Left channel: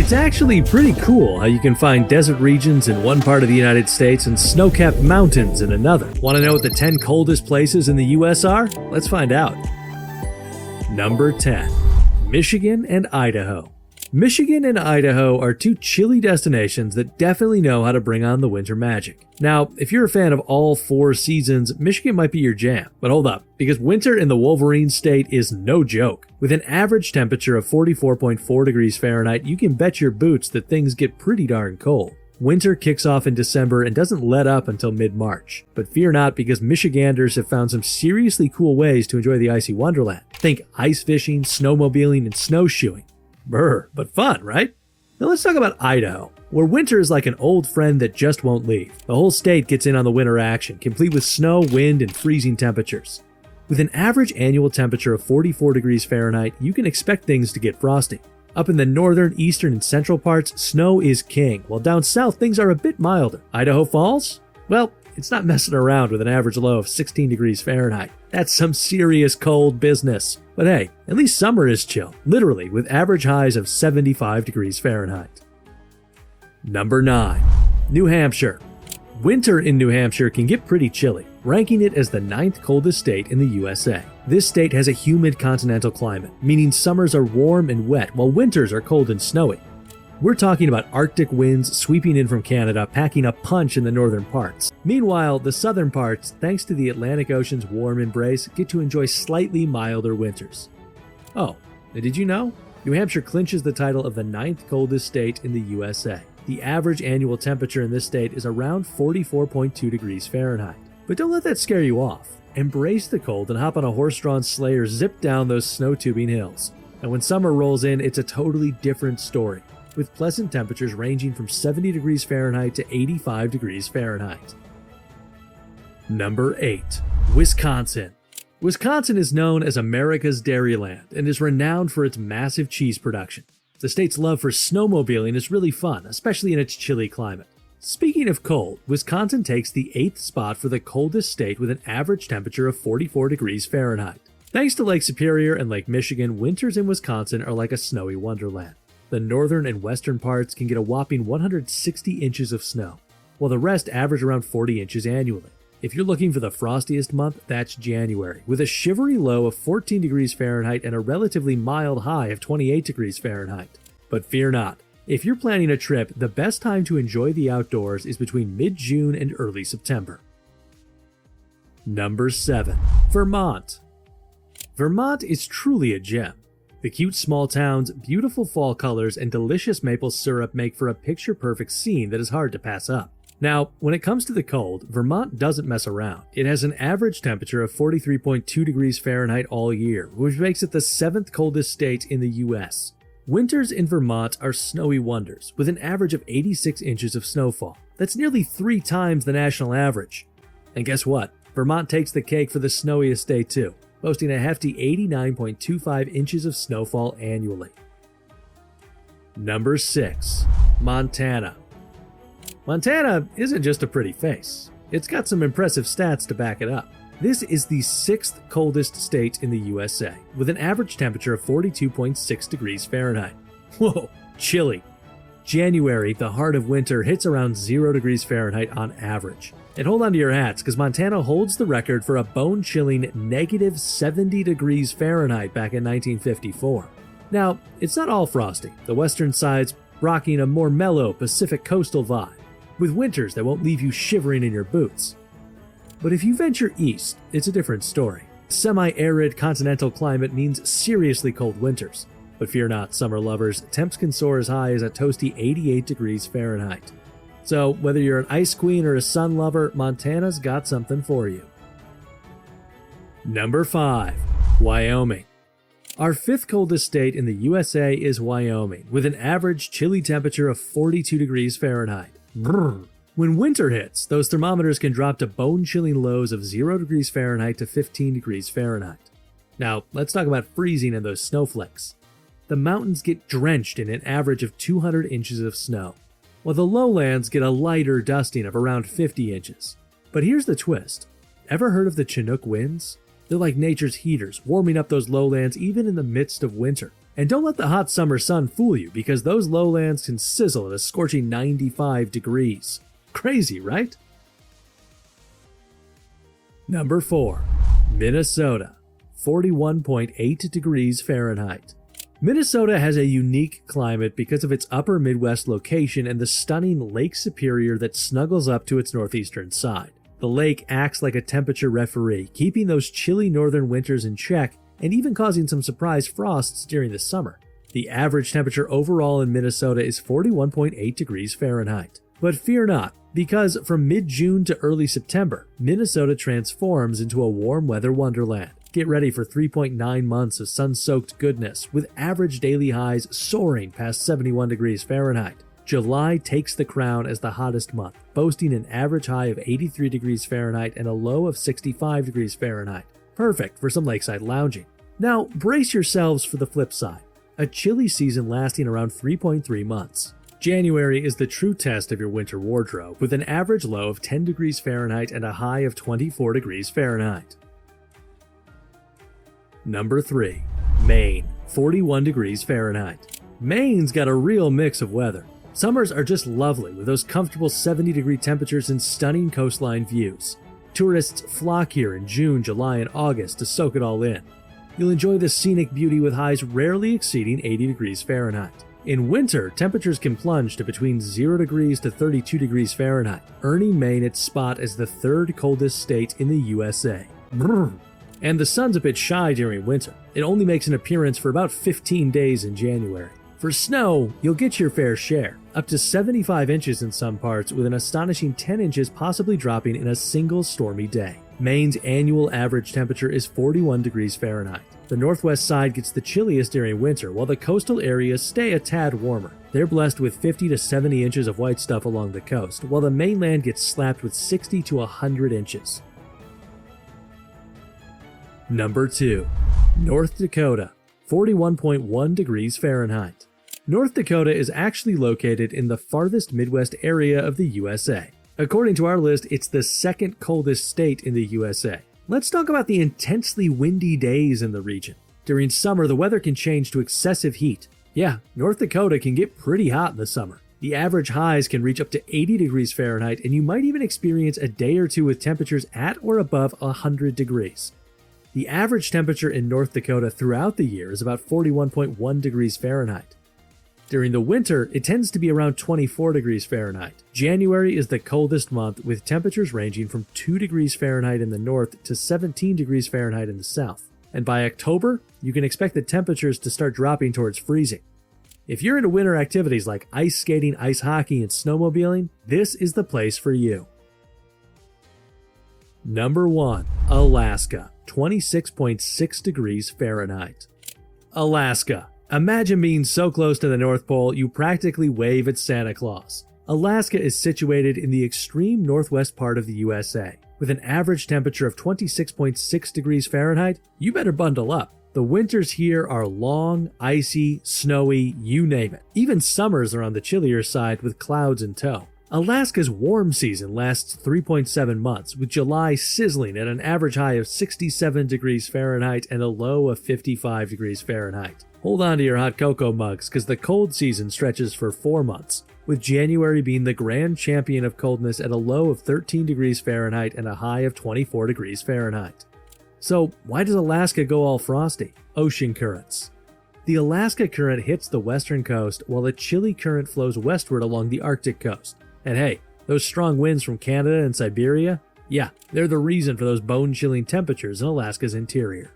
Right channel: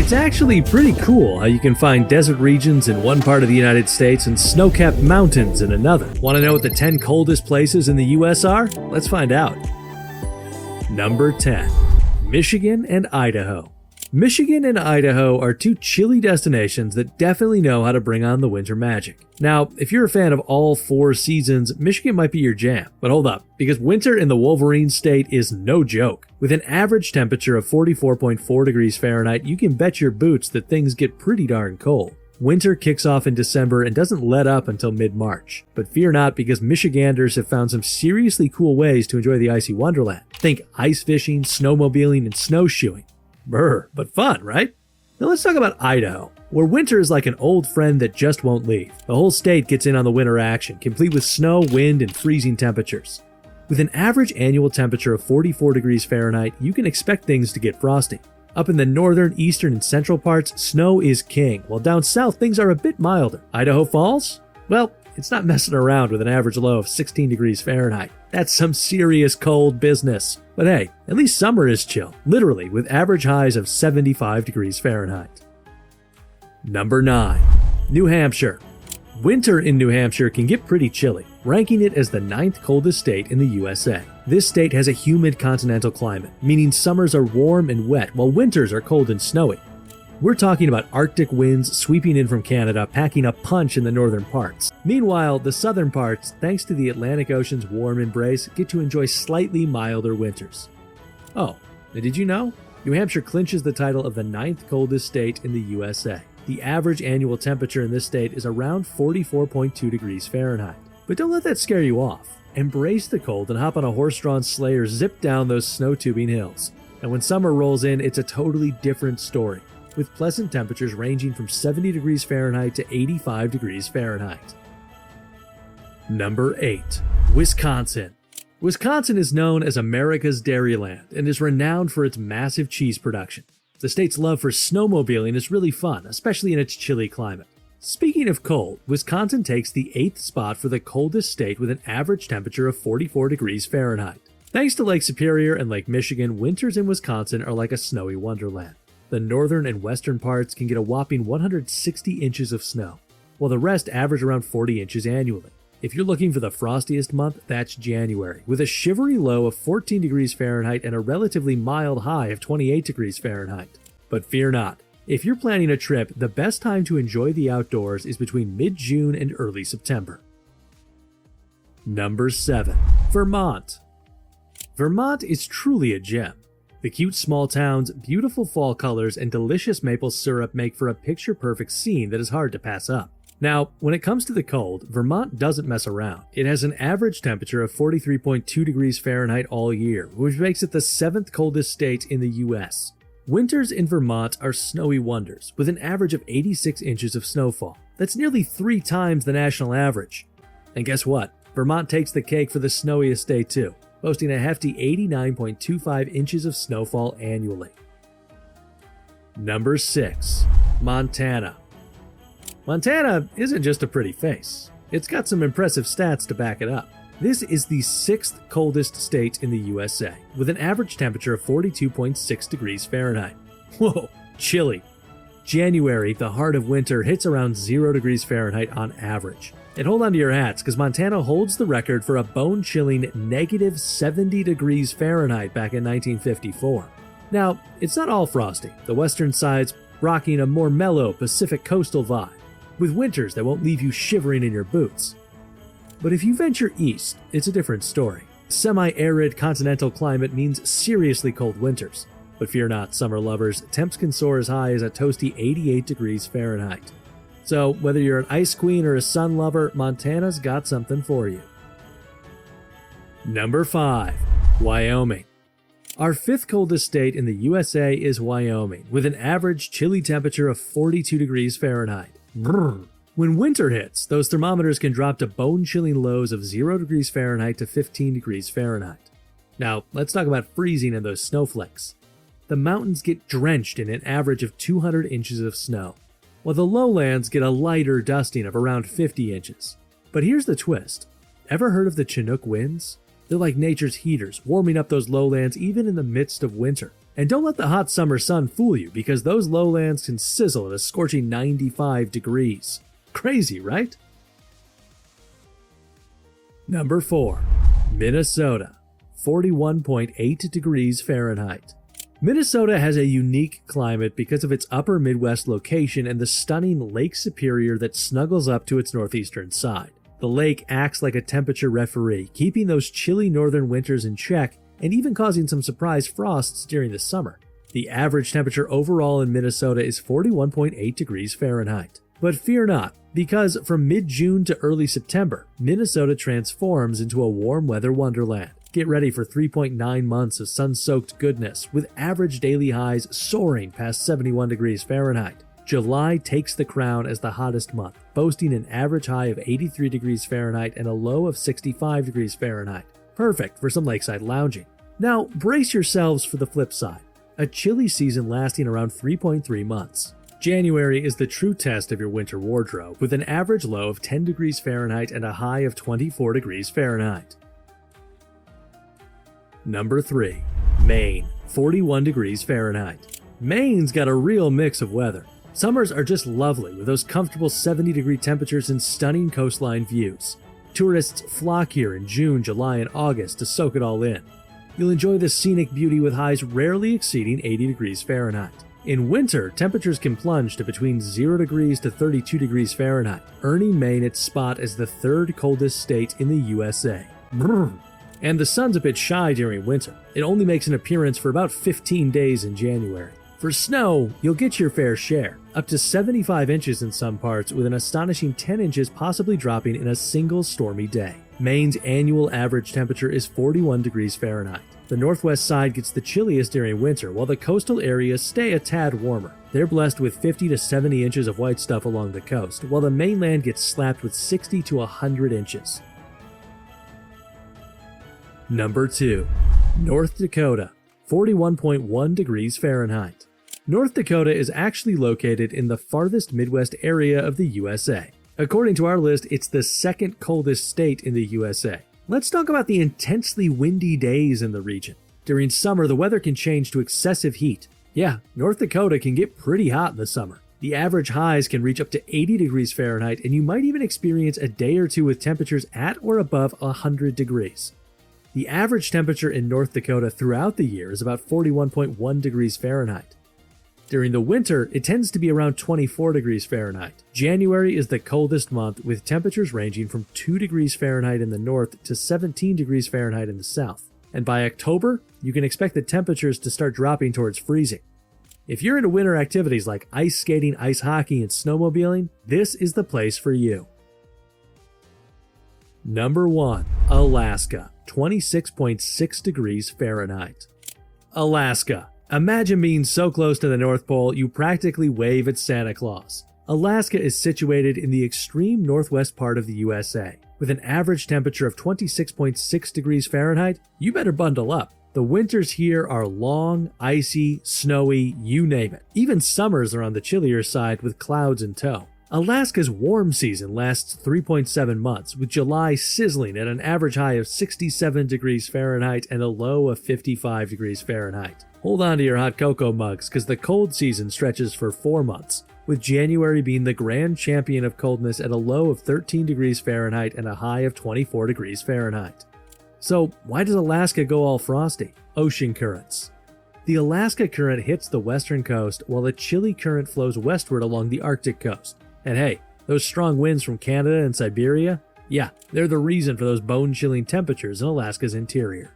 It's actually pretty cool how you can find desert regions in one part of the United States and snow-capped mountains in another. Want to know what the 10 coldest places in the US are? Let's find out. Number 10. Michigan and Idaho. Michigan and Idaho are two chilly destinations that definitely know how to bring on the winter magic. Now, if you're a fan of all 4 seasons, Michigan might be your jam. But hold up, because winter in the Wolverine state is no joke. With an average temperature of 44.4 degrees Fahrenheit, you can bet your boots that things get pretty darn cold. Winter kicks off in December and doesn't let up until mid-March. But fear not, because Michiganders have found some seriously cool ways to enjoy the icy wonderland. Think ice fishing, snowmobiling, and snowshoeing. Brr, but fun, right? Now let's talk about Idaho, where winter is like an old friend that just won't leave. The whole state gets in on the winter action, complete with snow, wind, and freezing temperatures. With an average annual temperature of 44 degrees Fahrenheit, you can expect things to get frosty. Up in the northern, eastern, and central parts, snow is king, while down south things are a bit milder. Idaho Falls? Well, it's not messing around with an average low of 16 degrees Fahrenheit. That's some serious cold business. But hey, at least summer is chill, literally, with average highs of 75 degrees Fahrenheit. Number 9. New Hampshire. Winter in New Hampshire can get pretty chilly, ranking it as the 9th coldest state in the USA. This state has a humid continental climate, meaning summers are warm and wet, while winters are cold and snowy. We're talking about Arctic winds sweeping in from Canada, packing a punch in the northern parts. Meanwhile, the southern parts, thanks to the Atlantic Ocean's warm embrace, get to enjoy slightly milder winters. Oh, and did you know? New Hampshire clinches the title of the 9th coldest state in the USA. The average annual temperature in this state is around 44.2 degrees Fahrenheit. But don't let that scare you off. Embrace the cold and hop on a horse-drawn sleigh or zip down those snow-tubing hills. And when summer rolls in, it's a totally different story, with pleasant temperatures ranging from 70 degrees Fahrenheit to 85 degrees Fahrenheit. Number 8. Wisconsin. Wisconsin is known as America's Dairyland and is renowned for its massive cheese production. The state's love for snowmobiling is really fun, especially in its chilly climate. Speaking of cold, Wisconsin takes the 8th spot for the coldest state with an average temperature of 44 degrees Fahrenheit. Thanks to Lake Superior and Lake Michigan, winters in Wisconsin are like a snowy wonderland. The northern and western parts can get a whopping 160 inches of snow, while the rest average around 40 inches annually. If you're looking for the frostiest month, that's January, with a shivery low of 14 degrees Fahrenheit and a relatively mild high of 28 degrees Fahrenheit. But fear not. If you're planning a trip, the best time to enjoy the outdoors is between mid-June and early September. Number 7. Vermont. Vermont is truly a gem. The cute small towns, beautiful fall colors, and delicious maple syrup make for a picture-perfect scene that is hard to pass up. Now, when it comes to the cold, Vermont doesn't mess around. It has an average temperature of 43.2 degrees Fahrenheit all year, which makes it the 7th coldest state in the US. Winters in Vermont are snowy wonders, with an average of 86 inches of snowfall. That's nearly 3 times the national average. And guess what? Vermont takes the cake for the snowiest state too, boasting a hefty 89.25 inches of snowfall annually. Number 6. Montana. Montana isn't just a pretty face. It's got some impressive stats to back it up. This is the 6th coldest state in the USA, with an average temperature of 42.6 degrees Fahrenheit. Whoa, chilly. January, the heart of winter, hits around 0 degrees Fahrenheit on average. And hold on to your hats, because Montana holds the record for a bone-chilling negative 70 degrees Fahrenheit back in 1954. Now, it's not all frosty. The western side's rocking a more mellow Pacific coastal vibe, with winters that won't leave you shivering in your boots. But if you venture east, it's a different story. Semi-arid continental climate means seriously cold winters. But fear not, summer lovers, temps can soar as high as a toasty 88 degrees Fahrenheit. So whether you're an ice queen or a sun lover, Montana's got something for you. Number 5. Wyoming. Our 5th coldest state in the USA is Wyoming, with an average chilly temperature of 42 degrees Fahrenheit. Brrr. When winter hits, those thermometers can drop to bone-chilling lows of 0 degrees Fahrenheit to 15 degrees Fahrenheit. Now, let's talk about freezing and those snowflakes. The mountains get drenched in an average of 200 inches of snow, while the lowlands get a lighter dusting of around 50 inches. But here's the twist. Ever heard of the Chinook winds? They're like nature's heaters, warming up those lowlands even in the midst of winter. And don't let the hot summer sun fool you, because those lowlands can sizzle in a scorching 95 degrees. Crazy, right? Number 4. Minnesota, 41.8 degrees Fahrenheit. Minnesota has a unique climate because of its upper Midwest location and the stunning Lake Superior that snuggles up to its northeastern side. The lake acts like a temperature referee, keeping those chilly northern winters in check and even causing some surprise frosts during the summer. The average temperature overall in Minnesota is 41.8 degrees Fahrenheit. But fear not, because from mid-June to early September, Minnesota transforms into a warm weather wonderland. Get ready for 3.9 months of sun-soaked goodness, with average daily highs soaring past 71 degrees Fahrenheit. July takes the crown as the hottest month, boasting an average high of 83 degrees Fahrenheit and a low of 65 degrees Fahrenheit. Perfect for some lakeside lounging. Now, brace yourselves for the flip side. A chilly season lasting around 3.3 months. January is the true test of your winter wardrobe, with an average low of 10 degrees Fahrenheit and a high of 24 degrees Fahrenheit. Number 3. Maine, 41 degrees Fahrenheit. Maine's got a real mix of weather. Summers are just lovely, with those comfortable 70-degree temperatures and stunning coastline views. Tourists flock here in June, July, and August to soak it all in. You'll enjoy the scenic beauty with highs rarely exceeding 80 degrees Fahrenheit. In winter, temperatures can plunge to between 0 degrees to 32 degrees Fahrenheit, earning Maine its spot as the third coldest state in the USA. Brrr. And the sun's a bit shy during winter. It only makes an appearance for about 15 days in January. For snow, you'll get your fair share, up to 75 inches in some parts, with an astonishing 10 inches possibly dropping in a single stormy day. Maine's annual average temperature is 41 degrees Fahrenheit. The northwest side gets the chilliest during winter, while the coastal areas stay a tad warmer. They're blessed with 50 to 70 inches of white stuff along the coast, while the mainland gets slapped with 60 to 100 inches. Number 2. North Dakota, 41.1 degrees Fahrenheit. North Dakota is actually located in the farthest Midwest area of the USA. According to our list, it's the second coldest state in the USA. Let's talk about the intensely windy days in the region. During summer, the weather can change to excessive heat. Yeah, North Dakota can get pretty hot in the summer. The average highs can reach up to 80 degrees Fahrenheit, and you might even experience a day or two with temperatures at or above 100 degrees. The average temperature in North Dakota throughout the year is about 41.1 degrees Fahrenheit. During the winter, it tends to be around 24 degrees Fahrenheit. January is the coldest month, with temperatures ranging from 2 degrees Fahrenheit in the north to 17 degrees Fahrenheit in the south. And by October, you can expect the temperatures to start dropping towards freezing. If you're into winter activities like ice skating, ice hockey, and snowmobiling, this is the place for you. Number 1. Alaska, 26.6 degrees Fahrenheit. Alaska. Imagine being so close to the North Pole you practically wave at Santa Claus. Alaska is situated in the extreme northwest part of the USA. With an average temperature of 26.6 degrees Fahrenheit, you better bundle up. The winters here are long, icy, snowy, you name it. Even summers are on the chillier side with clouds in tow. Alaska's warm season lasts 3.7 months, with July sizzling at an average high of 67 degrees Fahrenheit and a low of 55 degrees Fahrenheit. Hold on to your hot cocoa mugs, because the cold season stretches for 4 months, with January being the grand champion of coldness at a low of 13 degrees Fahrenheit and a high of 24 degrees Fahrenheit. So, why does Alaska go all frosty? Ocean currents. The Alaska current hits the western coast, while a chilly current flows westward along the Arctic coast. And hey, those strong winds from Canada and Siberia, yeah, they're the reason for those bone-chilling temperatures in Alaska's interior.